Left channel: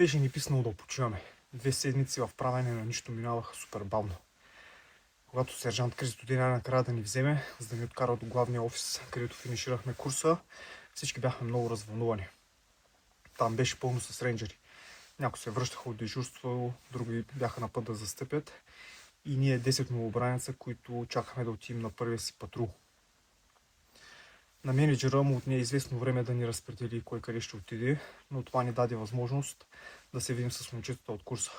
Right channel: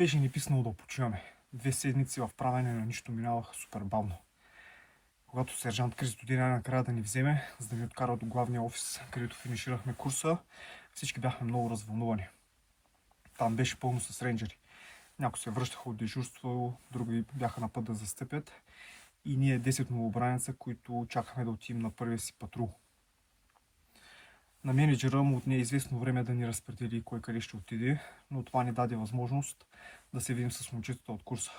Беше ни писнало да почиваме. 2 седмици в правене на нищо минаваха супер бавно. Когато сержант Кристо дойде накрая да ни вземе, за да ни откара до главния офис, където финиширахме курса, всички бяхме много развълнувани. Там беше пълно с рейнджери. Някои се връщаха от дежурство, други бяха на път да застъпят и ние 10 новобранеца, които чакахме да отидем на първия си патрул. На менеджера му отне известно време да ни разпредели кой къде ще отиде, но това ни даде възможност да се видим с момчетата от курса.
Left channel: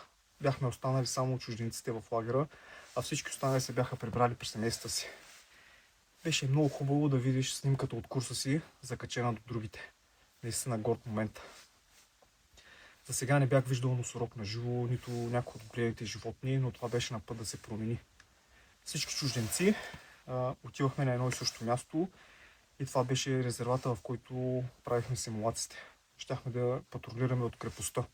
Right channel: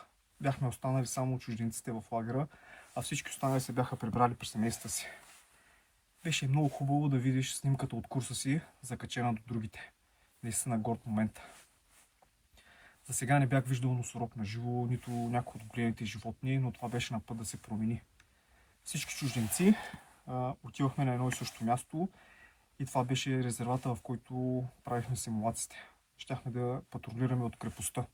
Бяхме останали само чужденците в лагера, а всички останали се бяха прибрали при семействата си. Беше много хубаво да видиш снимката от курса си, закачена до другите. Наистина горд момент. За сега не бях виждал носорог на живо, нито някой от големите животни, но това беше на път да се промени. Всички чужденци отивахме на едно и също място и това беше резервата, в който правихме симулациите. Щяхме да патрулираме от крепостта.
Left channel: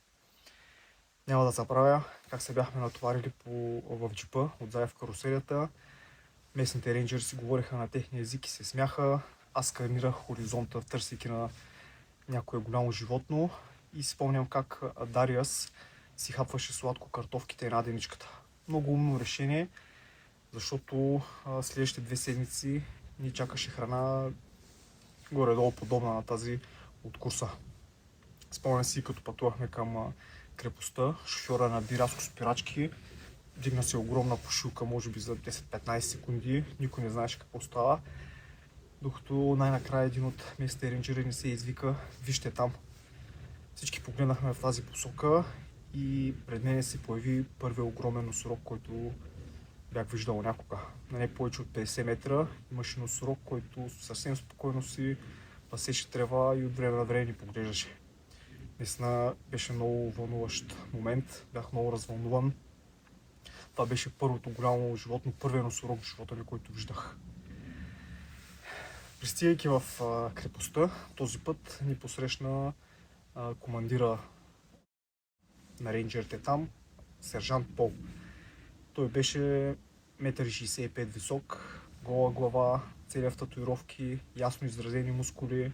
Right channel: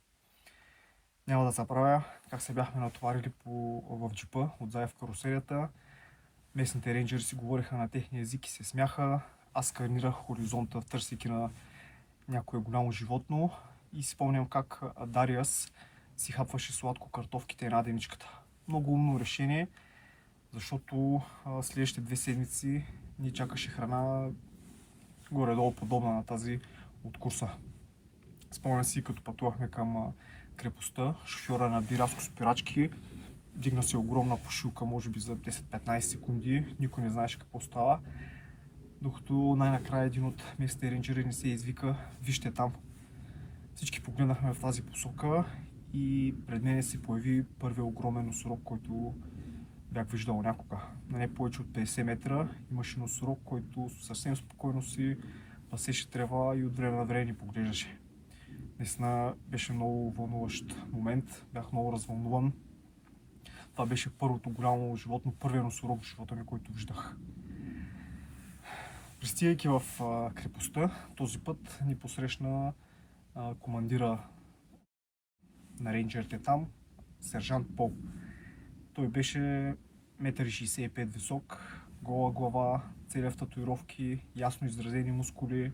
Няма да забравя как се бяхме натоварили в джипа, отзад в каруселята. Местните рейнджери си говориха на техния език и се смяха. Аз сканирах хоризонта, търсейки на някое голямо животно и спомням как Дариас си хапваше сладко картофките и наденичката. Много умно решение, защото следващите 2 седмици ни чакаше храна горе-долу подобна на тази от курса. Спомням си, като пътувахме към крепостта, шофьора наби рязко спирачки, дигна се огромна пушилка, може би за 10-15 секунди, никой не знаеше какво става, докато най-накрая един от местните рейнджери ни се извика: "Вижте там." Всички погледнахме в тази посока и пред мен се появи първият огромен носорог, който бях виждал някога. На не повече от 50 метра имаше носорог, който съвсем спокойно си пасеше трева и от време на време ни поглеждаше. Наистина беше много вълнуващ момент, бях много развълнуван. Това беше първото голямо животно, първият носорог в живота ми, който виждах. Пристигайки в крепостта, този път ни посрещна командира на рейнджерите там, сержант Пол. Той беше 1,65 м висок, гола глава, цели в татуировки, ясно изразени мускули.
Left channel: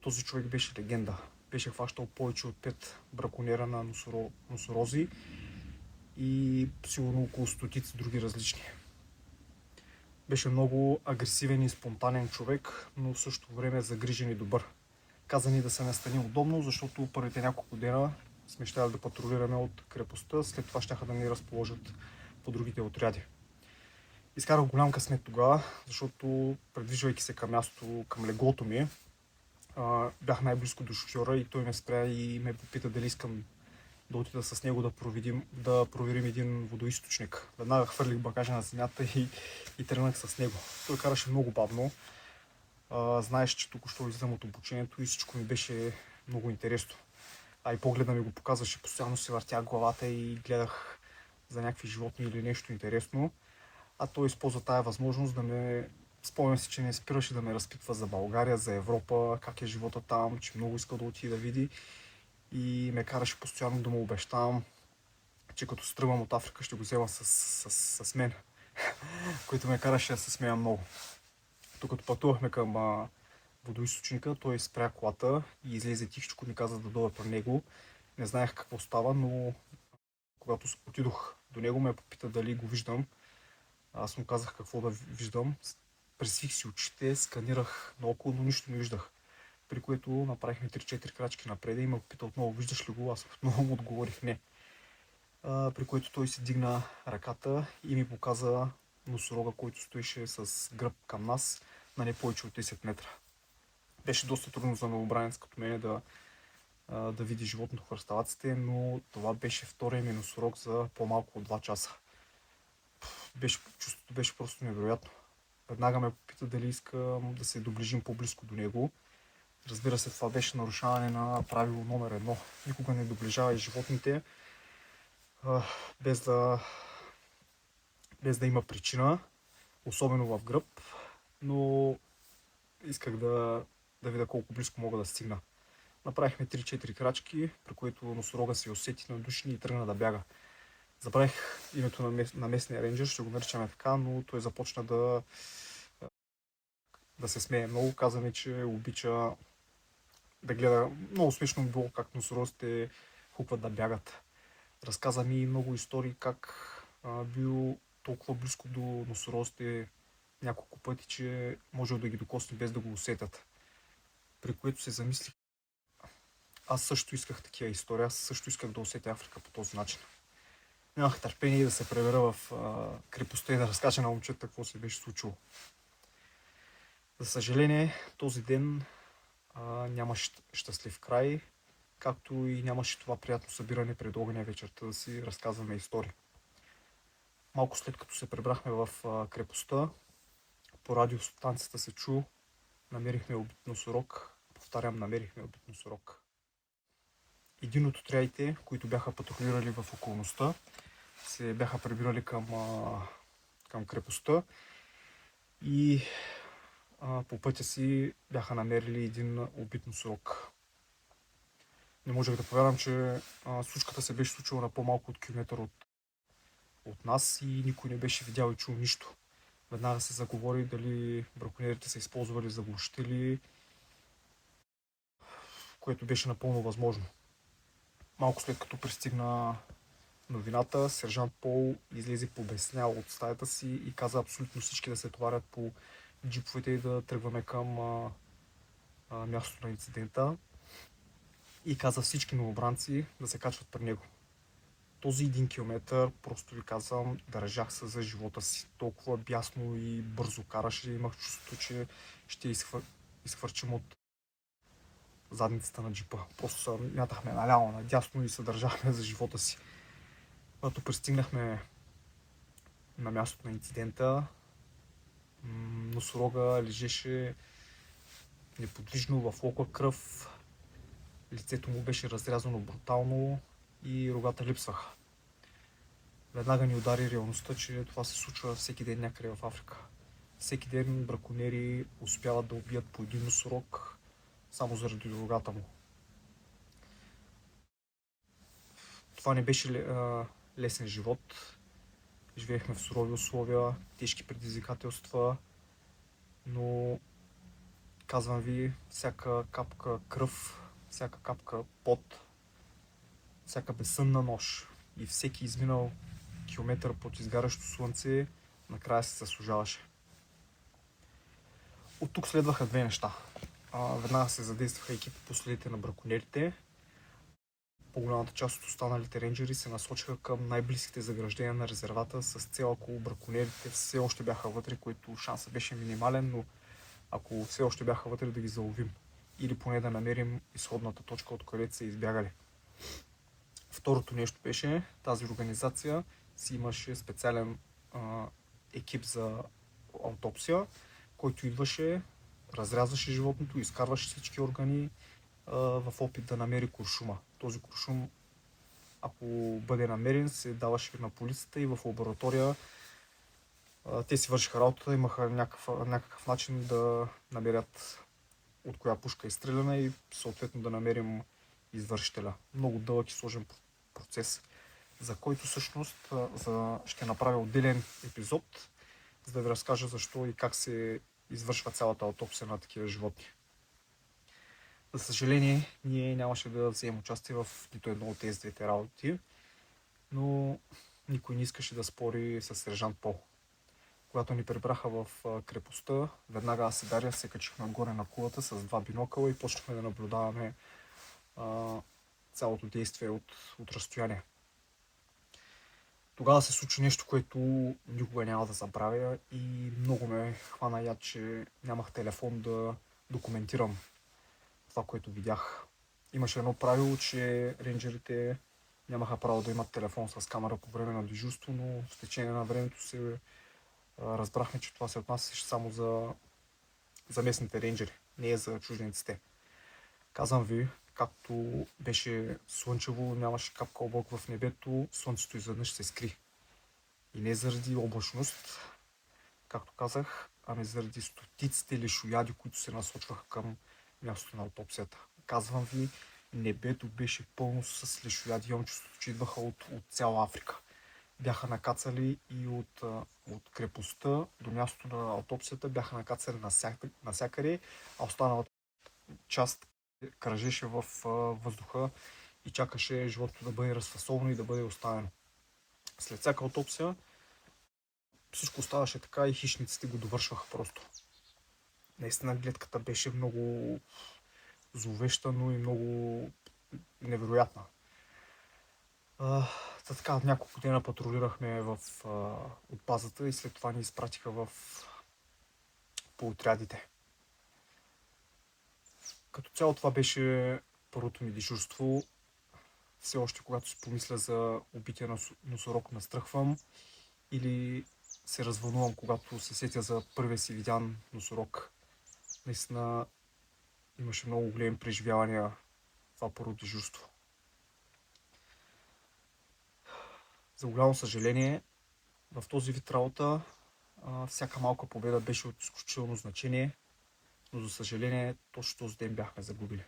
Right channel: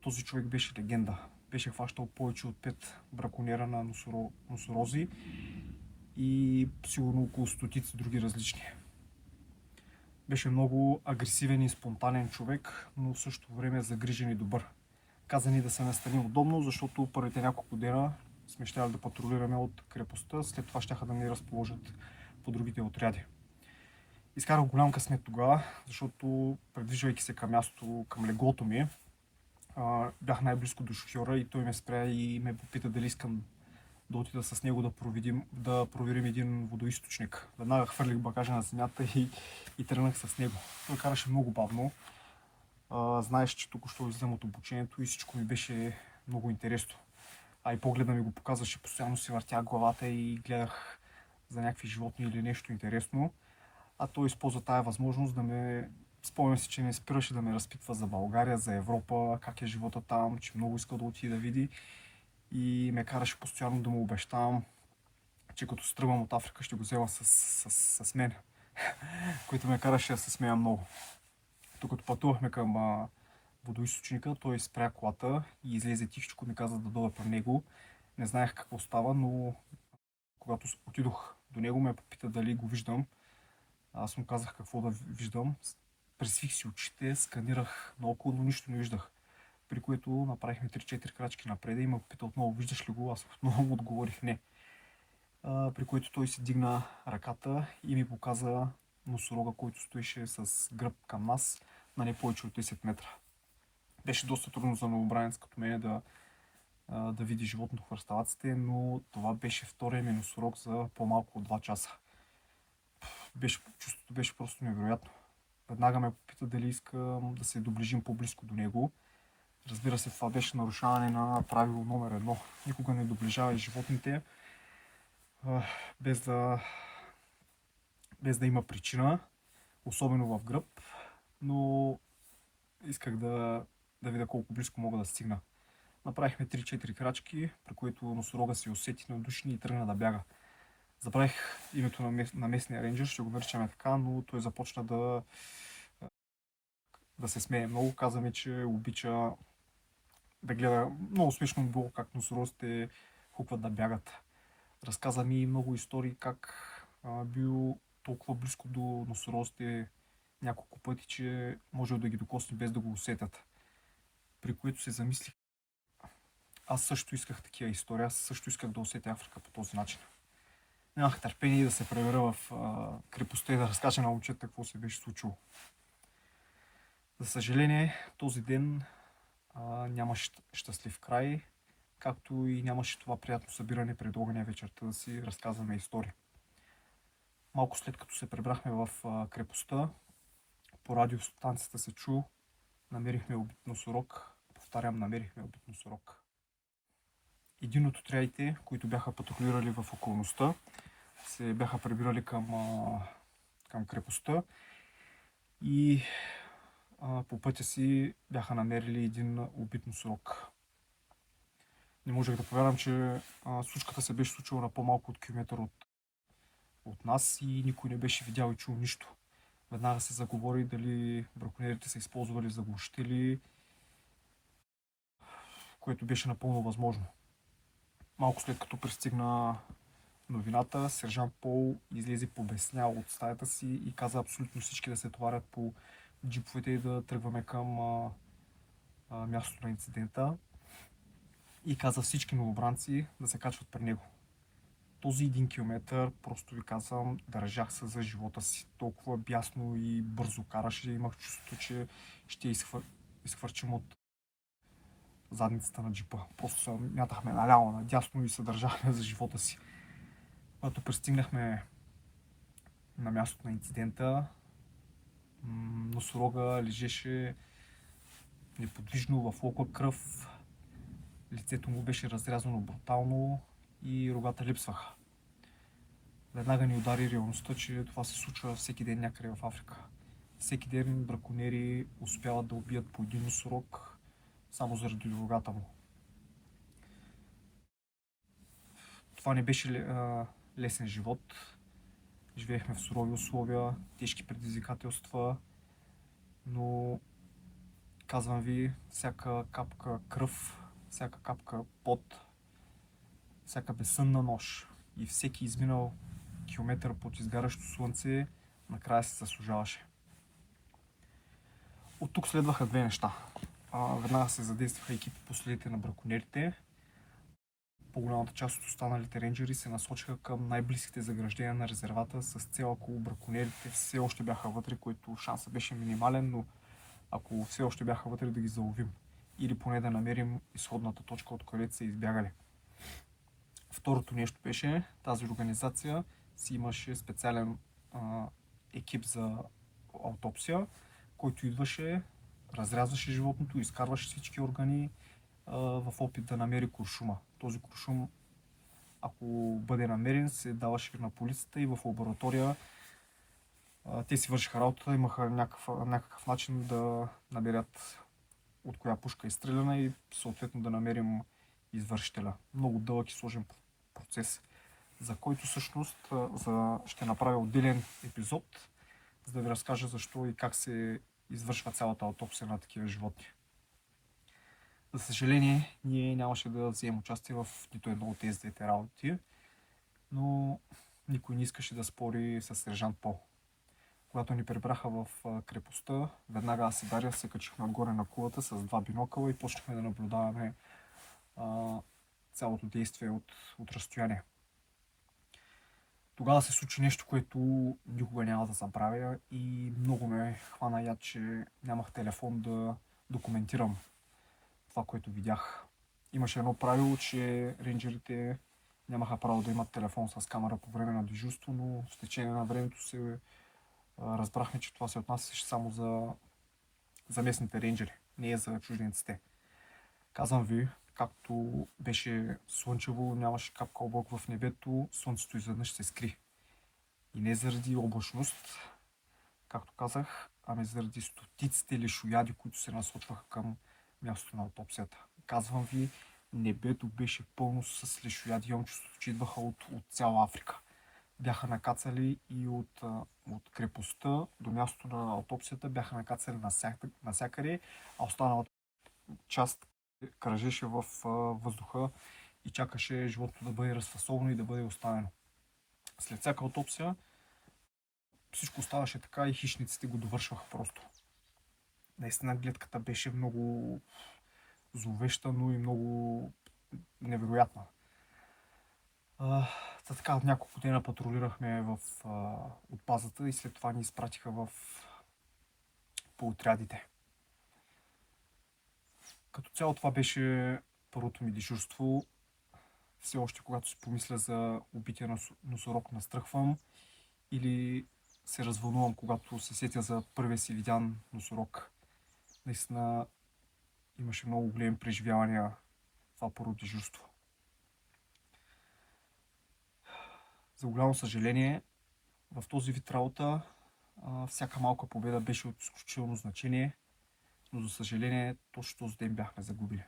Този човек беше легенда. Беше хващал повече от 5 браконьера на носорози и сигурно около стотици други различни. Беше много агресивен и спонтанен човек, но в същото време загрижен и добър. Каза ни да се настаним удобно, защото първите няколко дена сме щели да патрулираме от крепостта, след това щяха да ни разположат по другите отряди. Изкарах голям късмет тогава, защото предвижвайки се към мястото, към леглото ми, бях най-близко до шофьора и той ме спря и ме попита дали искам да отида с него да проверим един водоизточник. Веднага хвърлих багажа на земята и тръгнах с него. Той караше много бавно. Знаеш, че тук ще излизам от обучението и всичко ми беше много интересно. А и погледа ми го показваше, постоянно си въртях главата и гледах за някакви животни или нещо интересно. А той използва тая възможност да ме... Спомням си, че не спираше да ме разпитва за България, за Европа, как е живота там, че много иска да отиде да види. И ме караше постоянно да му обещавам, че като се тръгвам от Африка ще го взема с мен, който ме караше да се смея много. Докато пътувахме към водоизточника, той спря колата и излезе тихичко, ми каза да дойда при него. Не знаех какво става, но когато отидох до него, ме попита дали го виждам. Аз му казах какво да виждам. Пресвих си очите, сканирах наоколо, но нищо не виждах. При което направихме 3-4 крачки напред и ме попита отново: "Виждаш ли го?" Аз отново му отговорих не. При което той си дигна ръката и ми показа носорога, който стоеше с гръб към нас на не повече от 10 метра. Беше доста трудно за новобранец като мен да види животното в хръсталаците, но това беше втория ми носорог за по-малко от 2 часа. Чувството беше просто невероятно. Веднага ме попита дали искам да се доближим по-близко до него. Разбира се, това беше нарушаване на правило номер 1. Никога не доближавай животните без да има причина, особено в гръб, но исках да видя колко близко мога да стигна. Направихме 3-4 крачки, при които носорога се усети надушни и тръгна да бяга. Забравих името на местния рейнджер, ще го наричаме така, но той започна да се смее много. Каза ми, че обича да гледа. Много смешно било как носорозите хукват да бягат. Разказа ми много истории как бил толкова близко до носорозите няколко пъти, че можел да ги докосне без да го усетят. При което се замислих, аз също исках такива истории, аз също исках да усетя Африка по този начин. Нямах търпение да се превера в крепостта и да разкажа на момчета какво се беше случило. За съжаление, този ден нямаше щастлив край, както и нямаше това приятно събиране пред огъня вечерта да си разказваме истории. Малко след като се прибрахме в крепостта, по радиостанцията се чу: намерихме убит носорог. Повтарям, намерихме убит носорог. Един от отрядите, които бяха патрулирали в околността, се бяха прибирали към крепостта и по пътя си бяха намерили един убит носорог. Не можех да повярвам, че случката се беше случила на по-малко от километър от нас и никой не беше видял и чул нищо. Веднага се заговори дали браконьерите са използвали заглушители, което беше напълно възможно. Малко след като пристигна новината, сержант Пол излезе побеснял от стаята си и каза абсолютно всички да се товарят по джиповете и да тръгваме към мястото на инцидента. И каза всички новобранци да се качват при него. Този 1 километър, просто ви казвам, държах се за живота си. Толкова бясно и бързо караше, имах чувството, че ще изхвърчим от задницата на джипа. Просто се мятахме наляво, надясно и се държахме за живота си. Когато пристигнахме на мястото на инцидента, носорога лежеше неподвижно в лока кръв, лицето му беше разрязано брутално и рогата липсваха. Веднага ни удари реалността, че това се случва всеки ден някъде в Африка. Всеки ден браконьери успяват да убият по един носорог само заради рогата му. Това не беше лесен живот. Живеехме в сурови условия, тежки предизвикателства, но казвам ви, всяка капка кръв, всяка капка пот, всяка безсънна нощ и всеки изминал километър под изгарящо слънце накрая се заслужаваше. От тук следваха две неща. Веднага се задействаха екипи по следите на браконьерите. По-голямата част от останалите рейнджери се насочиха към най-близките заграждения на резервата с цел, ако браконьерите все още бяха вътре, който шансът беше минимален, но ако все още бяха вътре, да ги заловим или поне да намерим изходната точка, от където са избягали. Второто нещо беше, тази организация си имаше специален екип за аутопсия, който идваше, разрязваше животното, изкарваше всички органи в опит да намери куршума. Този куршум, ако бъде намерен, се даваше на полицията и в лаборатория те си вършиха работата, имаха някакъв начин да намерят от коя пушка е стреляна и съответно да намерим извършителя. Много дълъг и сложен процес, за който всъщност ще направя отделен епизод, за да ви разкажа защо и как се извършва цялата аутопсия на такива животни. За съжаление, ние нямаше да вземем участие в нито едно от тези двете работи, но никой не искаше да спори с сержант Пол. Когато ни прибраха в крепостта, веднага аз и Дария се качихме отгоре на кулата с 2 бинокъла и почнахме да наблюдаваме цялото действие от разстояние. Тогава се случи нещо, което никога няма да забравя и много ме хвана яд, че нямах телефон да документирам това, което видях. Имаше едно правило, че рейнджерите нямаха право да имат телефон с камера по време на дежурство, но с течение на времето се разбрахме, че това се отнасяше само за местните рейнджери, не е за чужденците. Казвам ви, както беше слънчево, нямаше капка облак в небето, слънцето изведнъж се скри. И не заради облачност, както казах, ами заради стотиците лешояди, които се насочваха към мястото на аутопсията. Казвам ви, небето беше пълно с лешояди, имам чувството, че идваха от цяла Африка. Бяха накацали и от крепостта до мястото на аутопсията, бяха накацали навсякъде, а останалата част кръжеше в въздуха и чакаше животното да бъде разфасовано и да бъде оставено. След всяка аутопсия всичко оставаше така и хищниците го довършваха просто. Наистина гледката беше много зловеща, но и много невероятна. Така, няколко дена патрулирахме от базата и след това ни изпратиха по отрядите. Като цяло това беше първото ми дежурство. Все още, когато си помисля за убития носорог, настръхвам или се развълнувам, когато се сетя за първия си видян носорог. Наистина имаше много големи преживявания това първо дежурство. За голямо съжаление, в този вид работа всяка малка победа беше от изключително значение, но за съжаление точно този ден бяхме загубили.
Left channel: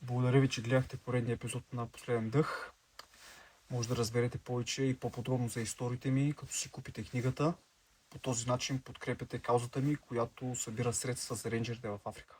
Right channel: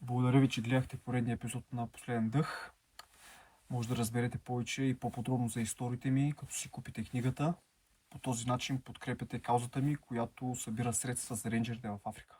Благодаря ви, че гледахте поредния епизод на Последен дъх. Може да разберете повече и по-подробно за историите ми, като си купите книгата. По този начин подкрепяте каузата ми, която събира средства за рейнджерите в Африка.